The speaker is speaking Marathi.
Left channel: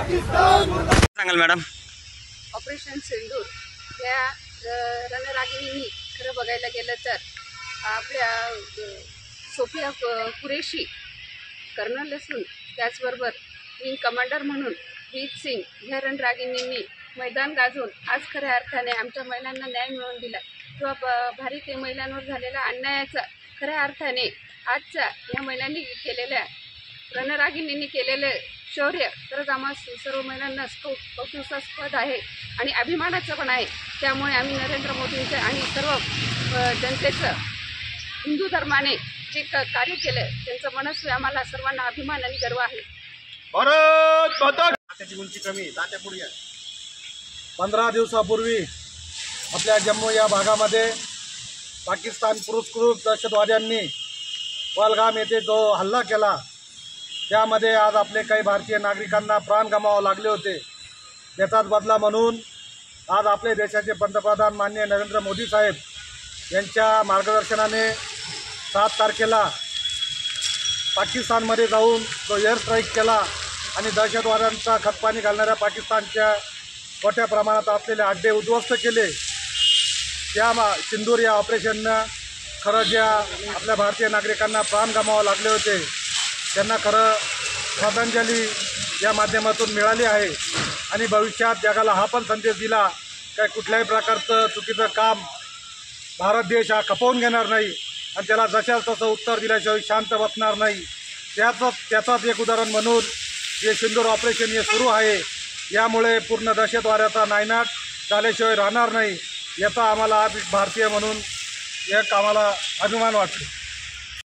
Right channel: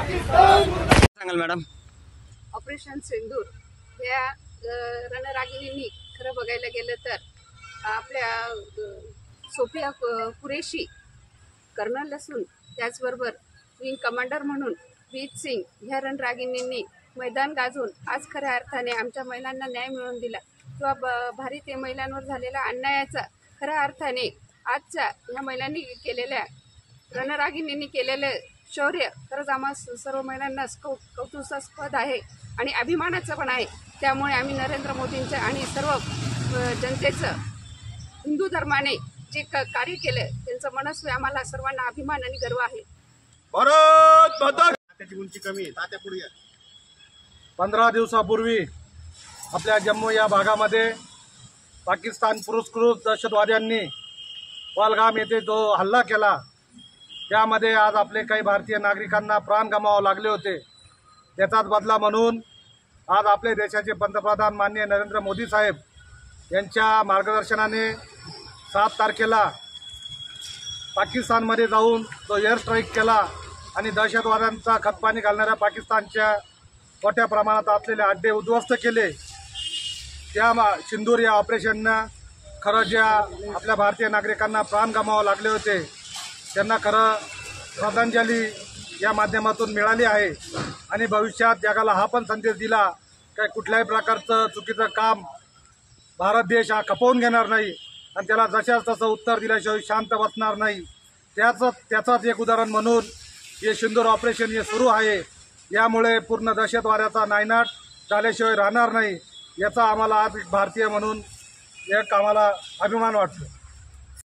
सांगाल मॅडम? ऑपरेशन सिंदूर या रणरागिणींनी खरं बघायला गेलं तर आपल्या सोफिया कुरेशी कर्नल असून त्याचबरोबर विंग कमांडर म्हणून हीत सिंग ह्या रणरागिणींनी मैदान गाजवून आज खऱ्या अर्थाने आमच्या महिलांना न्याय मिळवून दिला किंवा भारतीय महिलांवर झालेल्या अन्यायाचा खऱ्या अर्थाने आजच्या ह्या महिलांनी केलेल्या रणरागिणींनी केलेलं शौर्य खरंच आम्हा सर्व महिलांना कौतुकास्पद आहे आणि अभिमानाचं पण आहे। त्यामुळे आम्ही नरेंद्र मोदींचं आणि सर्व जनतेचं हिंदू धर्माने जे कार्य केलं त्यांचं मनस्वी आम्हाला सर्वांना अभिमान आणि गर्व आहे। भारत माता त्याची उंची कमी तात्या पुढे 15 दिवसापूर्वी आपल्या जम्मू या भागामध्ये पाकिस्तान पुरस्कृत दहशतवाद्यांनी पहलगाम येथे जो हल्ला केला त्यामध्ये आज आपले काही भारतीय नागरिकांना प्राण गमावे लागले होते। त्याचाच बदला म्हणून आज आपले देशाचे पंतप्रधान माननीय नरेंद्र मोदी साहेब यांच्या मार्गदर्शनाने 7 तारखेला पाकिस्तानमध्ये जाऊन तो एअर स्ट्राईक केला आणि दहशतवाद्यांचा खतपाणी घालणाऱ्या पाकिस्तानच्या मोठ्या प्रमाणात असलेले अड्डे उद्ध्वस्त केले। त्या सिंदूर या ऑपरेशननं खरं ज्या आपल्या भारतीय नागरिकांना प्राण गमावे लागले होते त्यांना खरं श्रद्धांजली या माध्यमातून मिळाली आहे आणि भविष्यात जगाला हा पण संदेश दिला की कुठल्याही प्रकारचं चुकीचं काम भारत देश हा खपवून घेणार नाही आणि त्याला जशाच तसं उत्तर दिल्याशिवाय शांत बसणार नाही। त्याचंच एक उदाहरण म्हणून हे सिंदूर ऑपरेशन हे सुरू आहे। यामुळे पूर्ण दहशतवाद्याचा नायनाट झाल्याशिवाय राहणार नाही याचा आम्हाला भारतीय म्हणून एक आम्हाला अभिमान वाटतो।